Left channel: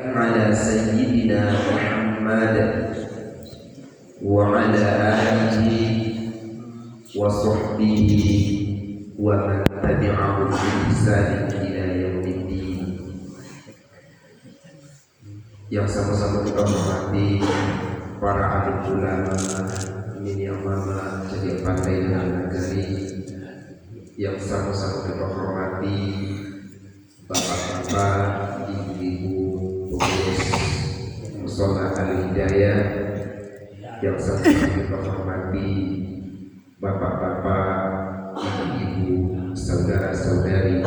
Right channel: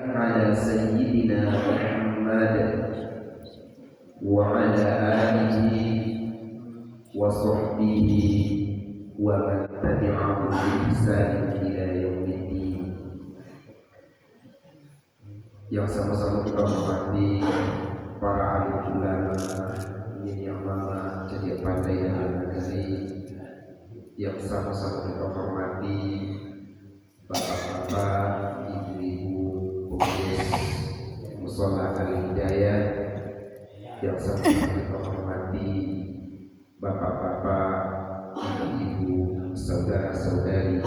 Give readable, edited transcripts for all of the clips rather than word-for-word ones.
على سيدنا محمد وعلى آله وصحبه ومن تبعه بإحسان إلى يوم الدين. Yang sama-sama kita hormati para alim ulama, yang mama jadi pandai dalam negeri, yang sama-sama kita hormati bapak-bapak, ibu-ibu, pengurus Mushola Al-Hidayah, yang sama-sama kita hormati bapak-bapak, ibu-ibu, saudara-saudari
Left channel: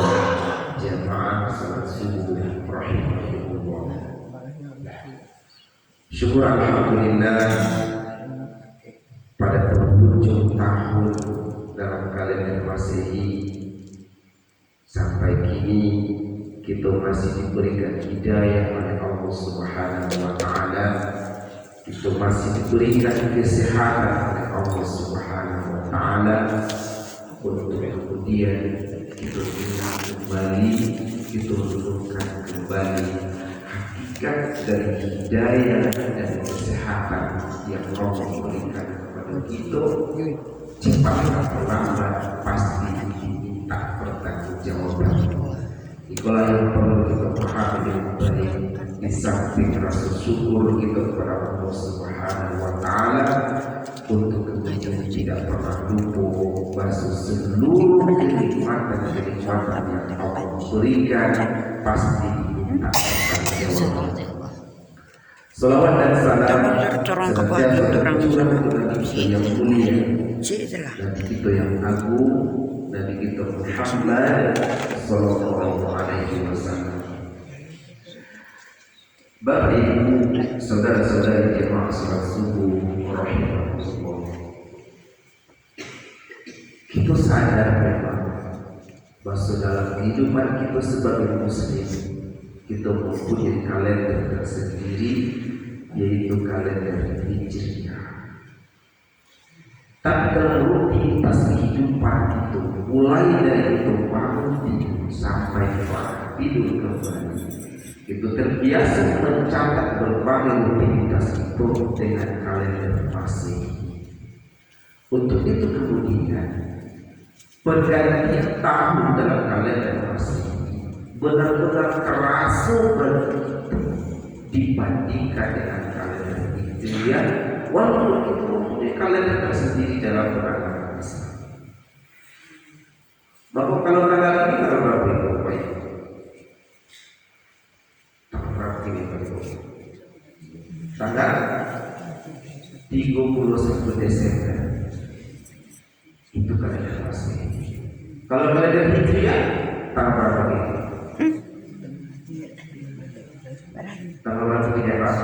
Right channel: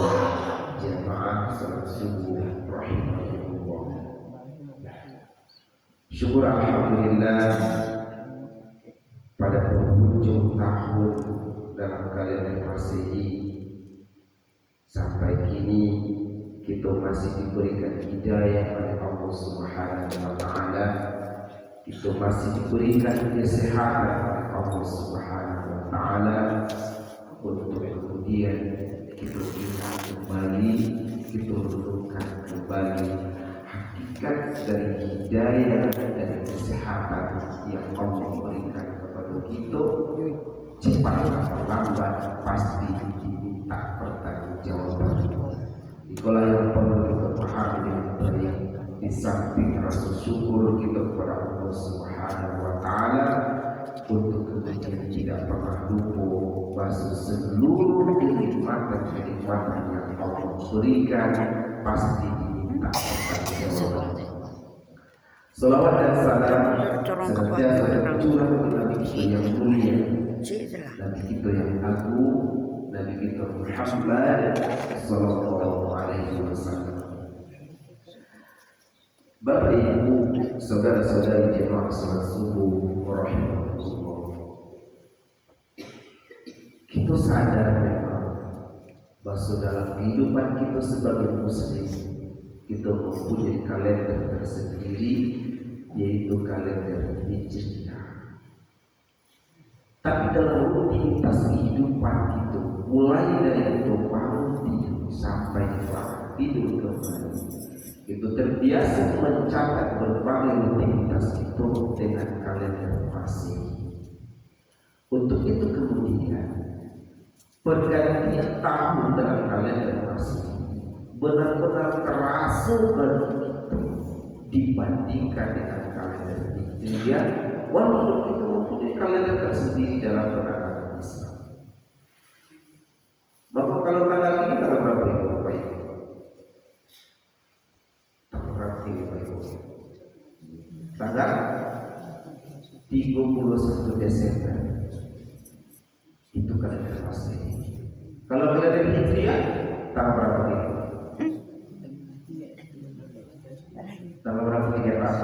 jamaah salat subuh rahimahullah. Syukur alhamdulillah pada penghujung tahun dalam kalender Masehi sampai kini kita masih diberikan hidayah oleh Allah Subhanahu wa taala. Kita masih diberikan kesehatan oleh Allah Subhanahu wa taala untuk kemudian kita ingat kembali, kita menemukan kembali hakikat dari hidayah dan kesehatan yang Allah berikan kepada kita. Cepat atau lambat pasti diminta pertanggungjawaban. Itulah yang perlu kita pahami dengan baik. Di samping rasa syukur kita kepada Allah Subhanahu wa taala untuk kemudian tidak pernah lupa bahwa seluruh kenikmatan yang Allah berikan pasti diminta pertanggungjawaban. Salawat dan salam senantiasa tercurah kepada Nabi kita yang mulia, Nabi kita yang agung, Nabi kita Muhammad sallallahu alaihi wasallam. Bapak Ibu, saudara-saudari jemaah salat subuh rahimahullah. Kita sadar memang bahwa dalam kehidupan kita sebagai muslim, kita mempunyai kalender tersendiri, yaitu kalender Hijriah. Tapi dalam rutinitas kehidupan itu, mulai dari itu bangun tidur sampai tidur kembali, itu terbiasa mencatat berbagai rutinitas itu dengan kalender Masehi. Untuk itu kemudian pergantian tahun dalam kalender Masehi benar-benar terasa begitu dibandingkan dengan kalender Hijriah, walaupun itu mempunyai kalender tersendiri dalam beragama Islam. Maka kalau tanggal ini tanggal berapa itu? Tanggal 31 Desember itu kalender Masehi. Kalau kalender Hijriah tanggal berapa itu? Tanggal berapa tidak Pak?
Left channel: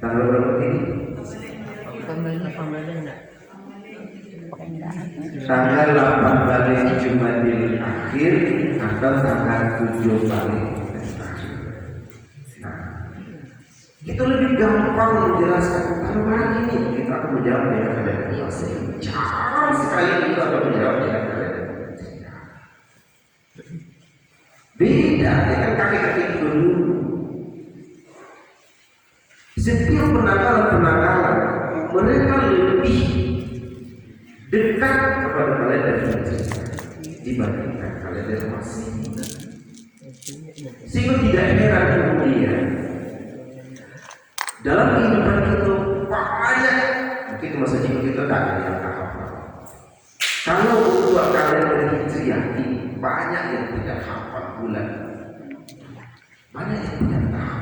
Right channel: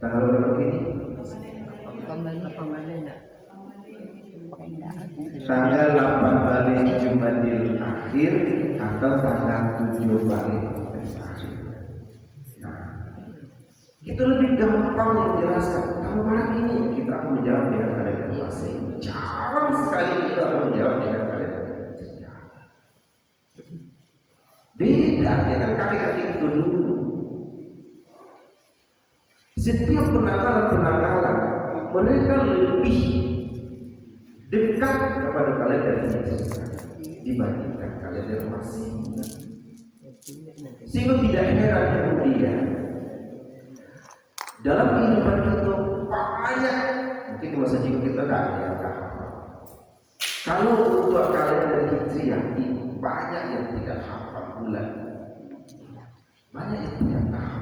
Tanggal berapa ini? Tanggal 8 Jumadil Akhir atau tanggal 7 Maret. Nah, itu lebih gampang menjelaskan. Kalau hari ini kita akan menjawab dengan kalender Masehi. Jarang sekali kita akan menjawab dengan kalender Hijriah. Beda dengan kakek-kakek itu dulu. Setiap penanggalan mereka lebih dekat kepada kalender Hijriah dibandingkan kalender Masehi. Sehingga tidak heran kemudian dalam kehidupan kita banyak, mungkin masa hidup kita tak ada yang hafal. Kalau untuk kalender Hijriah ini banyak yang tidak hafal bulan, banyak yang tidak tahu.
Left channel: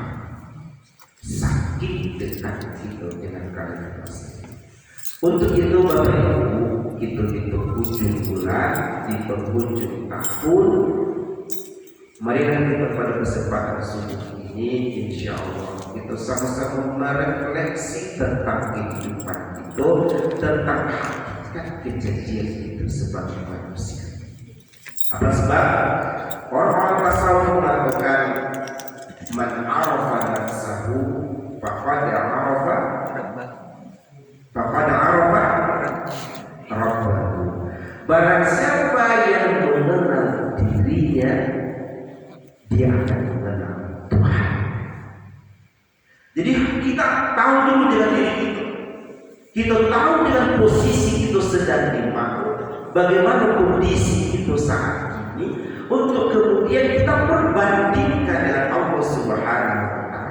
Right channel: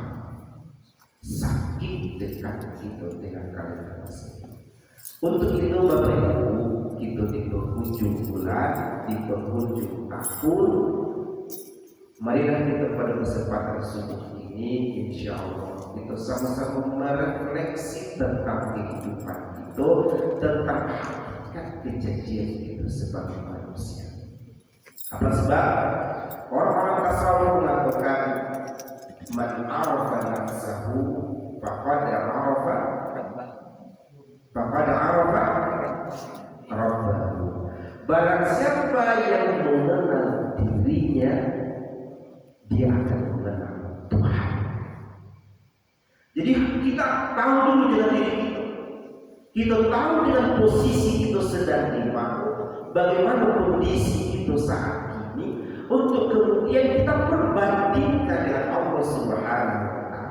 Sakit dekat itu dengan kalender Masehi. Untuk itu Bapak Ibu, kita di penghujung bulan, di penghujung tahun, marilah kita pada kesempatan subuh ini, insya Allah kita sama-sama merefleksi tentang kehidupan itu, tentang hakikat kejadian itu sebagai manusia. Apa sebab? Orang-orang tasawuf mengatakan man arafa nafsahu faqad arafa rabbahu. Barang siapa yang mengenal dirinya dia akan mengenal Tuhan. Jadi kita tahu dulu dengan diri kita. Kita tahu dengan posisi kita sedang di mana, bagaimana kondisi kita saat ini, untuk kemudian kita perbandingkan dengan Allah Subhanahu wa Ta'ala.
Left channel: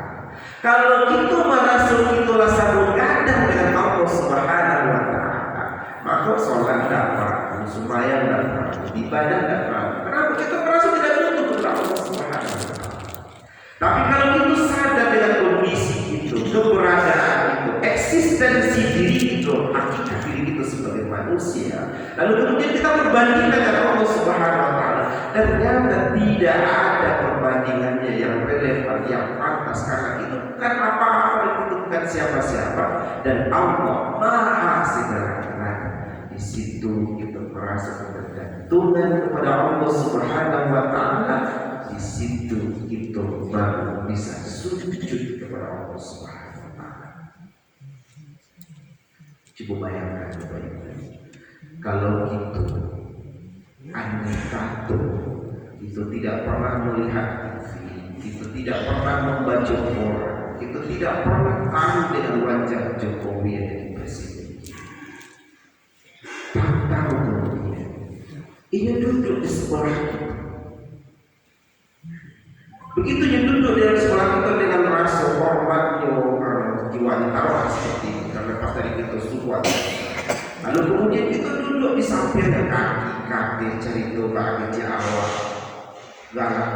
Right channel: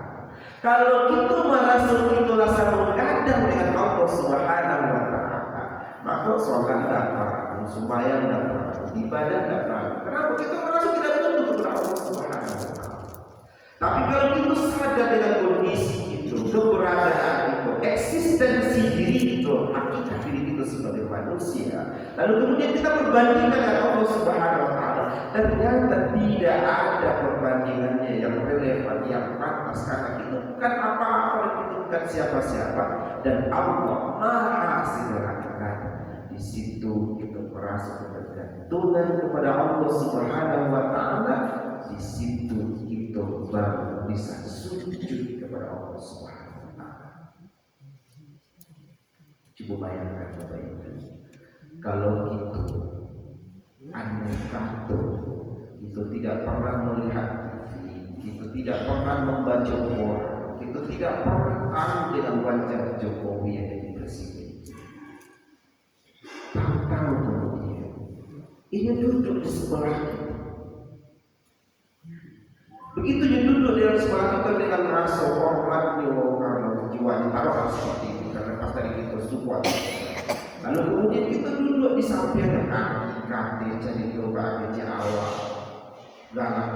Kalau kita merasa kita rasa bergadang dengan Allah Subhanahu wa Ta'ala, maka sholat dapat, sembahyang dapat, ibadah dapat. Kenapa? Kita merasa tidak butuh kepada Allah Subhanahu wa Ta'ala. Tapi kalau kita sadar dengan kondisi itu, keberadaan itu, eksistensi diri itu, hakikat diri itu sebagai manusia, lalu kemudian kita berbandingkan dengan Allah Subhanahu wa Ta'ala, ternyata tidak ada perbandingannya yang relevan, yang pantas, karena itu bukan apa-apa, itu bukan siapa-siapa, dan Allah Maha segala-galanya. Di situ kita merasa ketergantungan kepada Allah Subhanahu wa Ta'ala. Di situ kita baru bisa sujud kepada Allah Subhanahu wa Ta'ala. Coba bayangkan baik-baik, kalau kita andai kata itu tidak pernah melihat TV, kita tidak pernah membaca Quran, kita tidak pernah tahu dengan wajah Jokowi yang jadi presiden. Tahu kemudian ini duduk di sebelah kita. Begitu dia duduk di sebelah kita dengan rasa hormatnya, jiwanya taruh seperti itu, karena pas tadi kita sukuat. Lalu kemudian kita duduk di sampingnya, kaki cerita bagi awal galak